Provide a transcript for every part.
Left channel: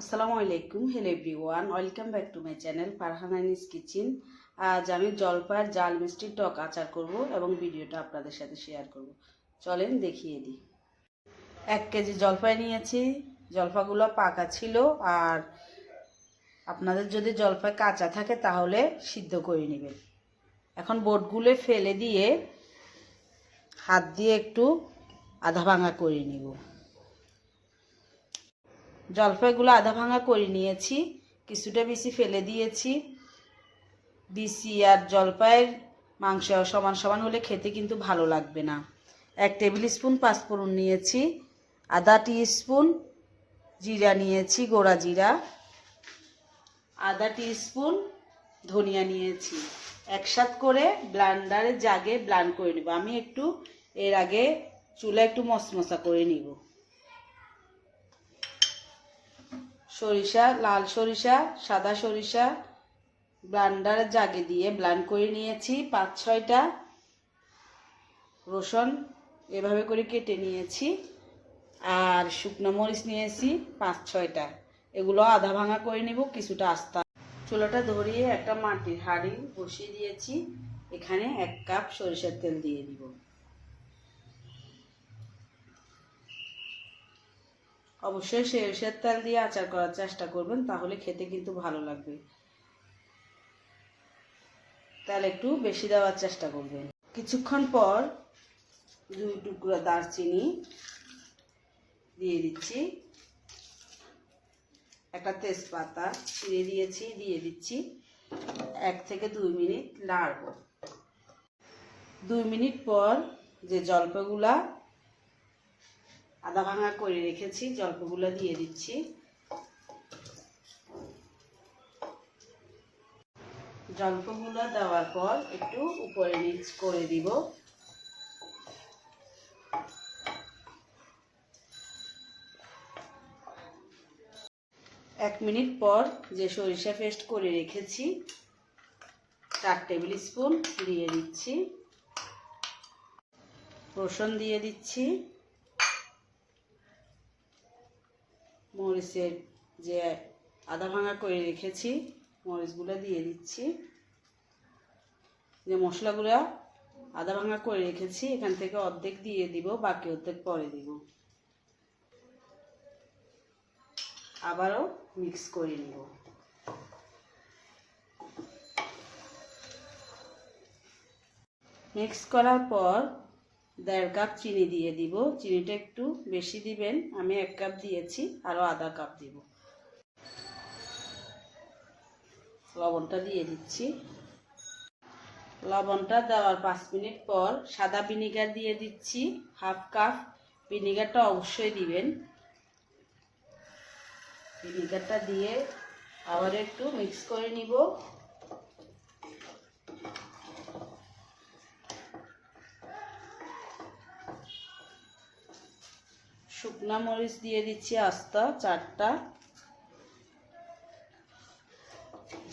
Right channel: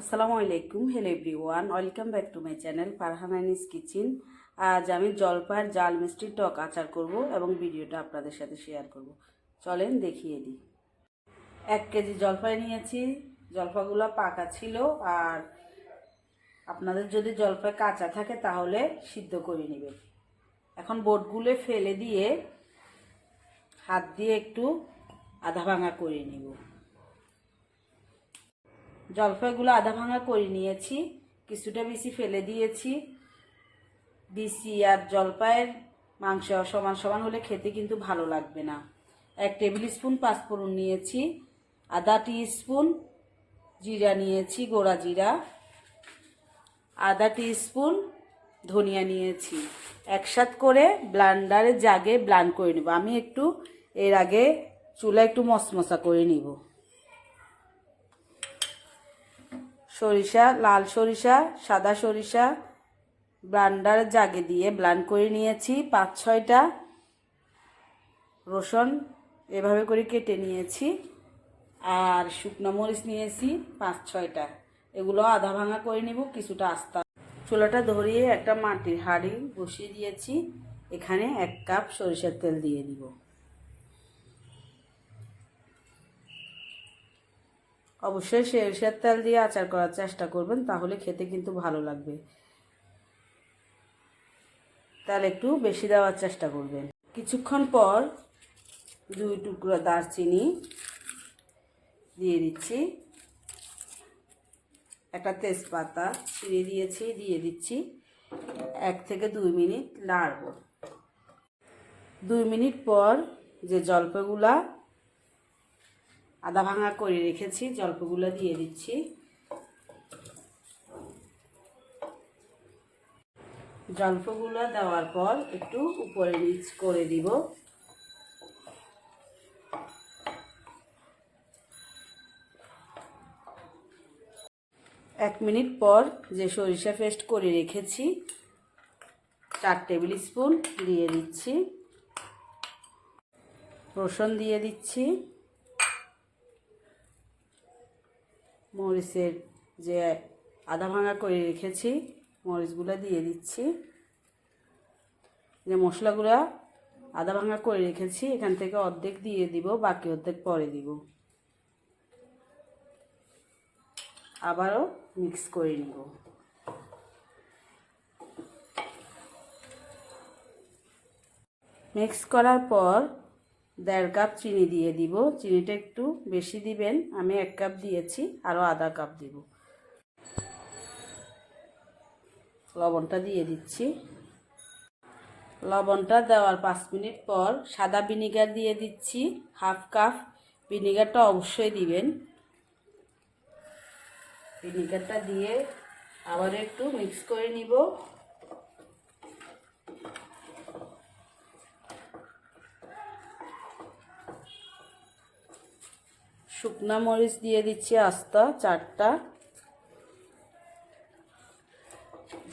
আসসালামু আলাইকুম hello everyone welcome back to my channel Farhananis kitchen আজ আমি জলপাইয়ের জাল মিষ্টির টক আচার করব এবং ভিডিওটা আপনাদের সাথে শেয়ার করব। চলেন দেখিয়ে দিই। এক কেজি জলপাই নিয়েছি, জলপাইগুলো পাকা ছিল, আর আপনাদের যদি জলপাই কাঁচা থাকে তাহলে সিদ্ধ করে নেবেন। এখন বোটগুলো ফেলে দিয়ে হাত দিয়ে একটু আধা ভাঙা করে নিব। জলপাইগুলো আধা ভাঙা করে নিয়েছি, কিছুটা বেশি ফেলে দিয়েছি। বিসি আর জলপাইয়ের মাংস সমান সমান হলে খেতে কিন্তু ভালো লাগবে না। এক টেবিল স্পুন পাঁচফোড়ন নিয়েছি, আধা টি স্পুন জিরা নিয়েছি, গোড়া জিরা। আধা টি স্পুন ধনিয়া নিয়েছি। একসাথ করে ব্লান্ডারে জাগে ব্লান্ড করে নেব। আমি একটু এর আগে চুলা একটু মশমশা করে নিব। সরিষা, লাল সরিষা, সাদা সরিষা, ব্লান্ডার জাগে দিয়ে ব্লান্ড করে নিয়েছি, পাঁচ, ছয়টা রসুন এভাবে করে কেটে নিয়েছি, আর শুকনো মরিচ নিয়েছি, পাঁচ, ছয়টা। এগুলো আধা ভাঙা করে নিব, কিছুটা আস্তা। চুলাটা ধরিয়ে একটা মাটির হাঁড়ি বসিয়ে দিয়েছি, এখানে এক কাপ সরিষার তেল দিয়ে দিব। অবশ্যই সরিষার তেল দিয়ে আচার করার চেষ্টা করবেন, তাহলে খেতে কিন্তু ভালো লাগবে। তেল একটু বেশি দেওয়ার চেষ্টা করবেন। কিছুক্ষণ পর দুই টুকরো দারচিনি দিয়ে দিচ্ছি। একটা তেজপাতা ছিঁড়ে দিয়েছি, দিয়ে দিচ্ছি। এক থেকে দুই মিনিট নাড়ব। দুই মিনিট পর যে জলপাইগুলা আদা ভাঙা করে রেখেছি জলপাইগুলো দিয়ে দিচ্ছি। জলপাইগুলো দেওয়ার পর একটু উপরে নিচ করে দিব। এক মিনিট পর যে সরিষা পেস্ট করে রেখেছি, চার টেবিল স্পুন দিয়ে দিচ্ছি। রসুন দিয়ে দিচ্ছি। মরিচের যে আদা ভাঙা করে রেখেছি, মরিচগুলো দিয়ে দিচ্ছি। যে মশলাগুলো আদা ভাঙা করে রেখেছি, এখান থেকে অর্ধেক দিয়ে দিব, বাকি অর্ধেক পরে দিব। আবারও মিক্স করে নিব। মিক্স করার পর দেড় কাপ চিনি দিয়ে দিব। চিনিটা একটু বেশি দিবেন। আমি এক কাপ দিয়েছি আরও আধা কাপ দিব। লবণটা দিয়ে দিচ্ছি। লবণটা দেওয়ার পাঁচ মিনিট পর সাদা ভিনিগার দিয়ে দিচ্ছি। হাফ কাপ ভিনিগারটা অবশ্যই দিবেন। ভিনিগারটা দিয়ে আবার একটু মিক্স করে নিব। শুকনো মরিচ দিয়ে দিচ্ছি আস্ত, চারটা।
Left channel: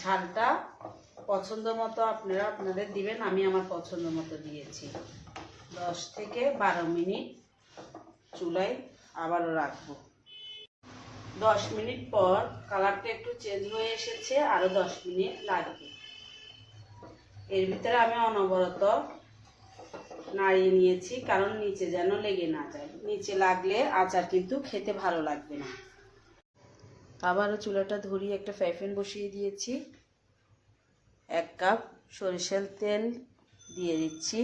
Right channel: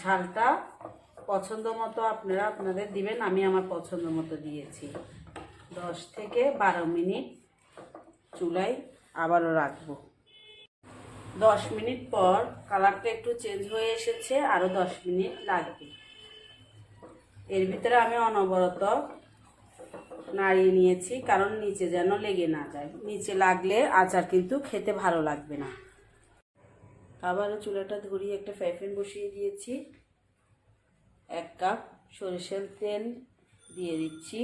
ঝালটা পছন্দ মতো আপনারা আপনাদের দিবেন, আমি আমার পছন্দ মতো দিয়েছি। দশ থেকে বারো মিনিট চুলায় আবারও রাখব। দশ মিনিট পর কালারটা একটু চেঞ্জ হয়ে এসেছে, আরও দশ মিনিট লাগবে। এর ভিতরে আমি অনবরত নাড়িয়ে নিয়েছি, কারণ নিচে যেন লেগে না যায়। নিচে লাগলে আচার কিন্তু খেতে ভালো লাগবে না। আবারও চুলাটা ধরিয়ে একটা ফ্রাইপ্যান বসিয়ে দিয়েছি। এক কাপ সরিষার তেল দিয়ে দিচ্ছি।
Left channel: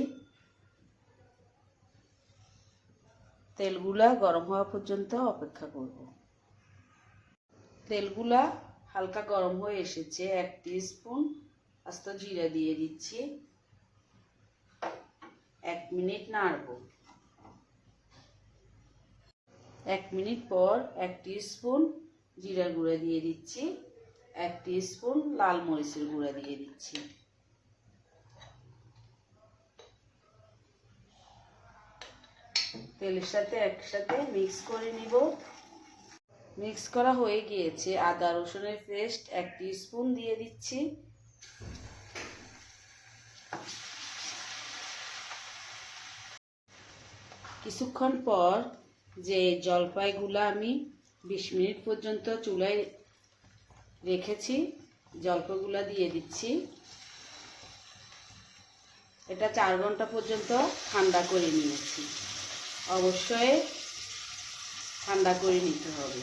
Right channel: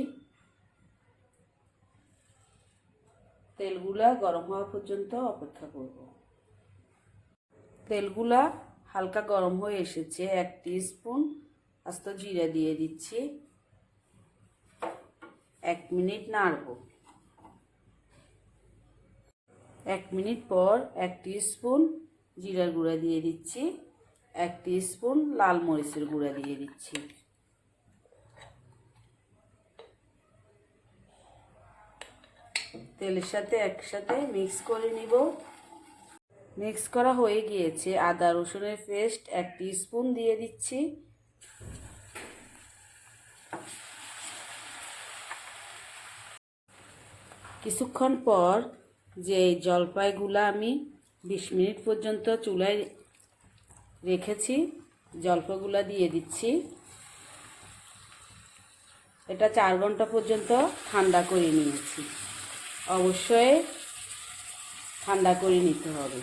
তেলগুলা গরম হওয়া পর্যন্ত অপেক্ষা করব। তেলগুলা হালকা গরম হয়ে এসেছে, এক স্পুন আস্ত জিরা দিয়ে দিচ্ছি। এক মিনিট নাড়ব। এক মিনিট পর এক স্পুন জিরার গুঁড়া দিয়ে দিচ্ছি। এক স্পুন লাল মরিচের গুঁড়া দিয়ে দিচ্ছি। তেলের সাথে একসাথে মিক্স করে নিব। মিক্স করা হয়ে গিয়েছে আদা রসুনের পেস্ট এক স্পুন দিয়ে দিচ্ছি। কিছুক্ষণ পর যে জলপাইগুলা আমি বিশ মিনিট পর্যন্ত চুলায় রেখেছি জলপাগুলা দিয়ে দিচ্ছি। এটা চার ঘণ্টা পর্যন্ত ঠান্ডা করে নিয়েছি। অবশ্যই ঠান্ডা করে নিতে হবে।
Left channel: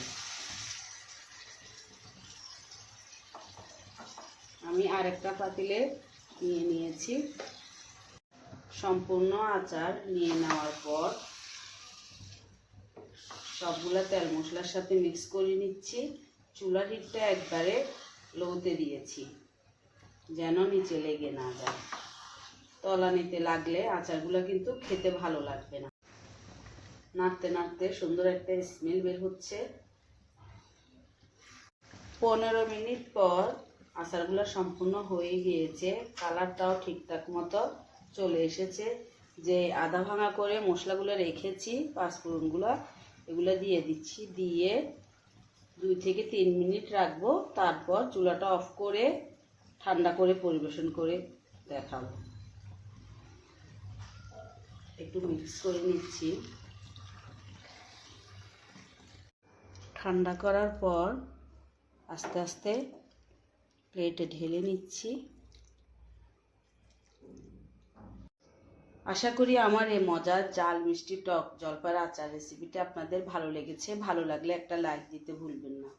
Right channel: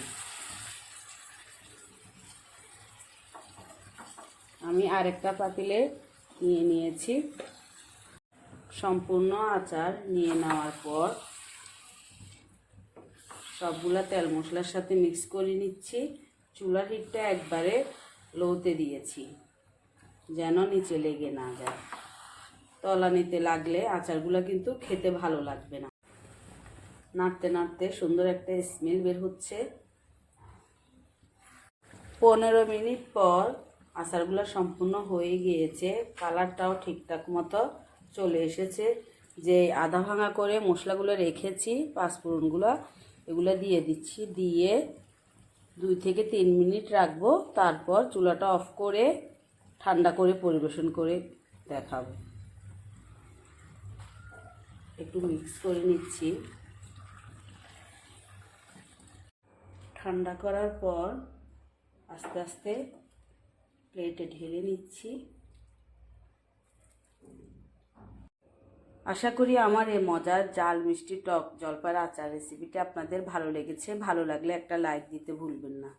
আমি আরেকটা পাতিলে নিয়ে নিয়েছি। সম্পূর্ণ আচার নিয়ে নেওয়ার পর সবগুলা তেল মশলার সাথে মিক্স করে নিচ্ছি। চুলার হিটটা একবারে লোতে দিয়েছি, যেন নিচে লেগে না যায়। তলানিতে লাগলে আচারগুলো কিন্তু খেতে ভালো লাগবে না। নাড়তে নাড়তে সুন্দর একটা স্মেল বের হচ্ছে। পনেরো মিনিট পর আচারগুলো সম্পূর্ণ হয়ে গিয়েছে। কালারটাও ঠিকঠাক মতো চলে এসেছে। যে আধা ভাঙা করে মশলাগুলো রেখেছি, পাঁচফোড়নগুলো এগুলো দিয়ে দিচ্ছি, দিয়ে দুই থেকে তিন মিনিট রাখব, তারপর চুলাটা অফ করে ঠান্ডা করে পরিবেশন করে দেখাবো। একটু মিক্স করে নিচ্ছি। ঠান্ডা করার পর আস্তে আস্তে প্লেটে ঢেলে নিচ্ছি। আশা করি আমার এই মজার জাল মিষ্টি টক জলপাইয়ের আচার রেসিপিটা আপনাদের ভালো লেগেছে, ভালো লাগলে একটা লাইক দিতে ভুলবেন না।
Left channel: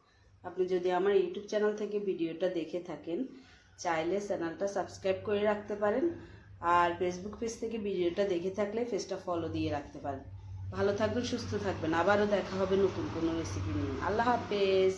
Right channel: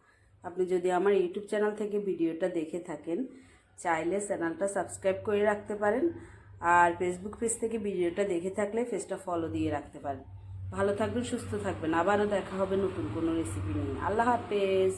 আপনি যদি আমার ইউটিউব চ্যানেল থেকে ভিডিওটা দেখে থাকেন, চাইলে চ্যানেলটা সাবস্ক্রাইব করে রাখতে পারেন আর ফেসবুক পেজ থেকে ভিডিওটা দেখে থাকলে পেজটা ফলো দিয়ে রাখতে পারেন। ভালো থাকবেন, সুস্থ থাকবেন। আবারও দেখা হবে নতুন কোনো রেসিপি নিয়ে। আল্লাহ হাফেজ।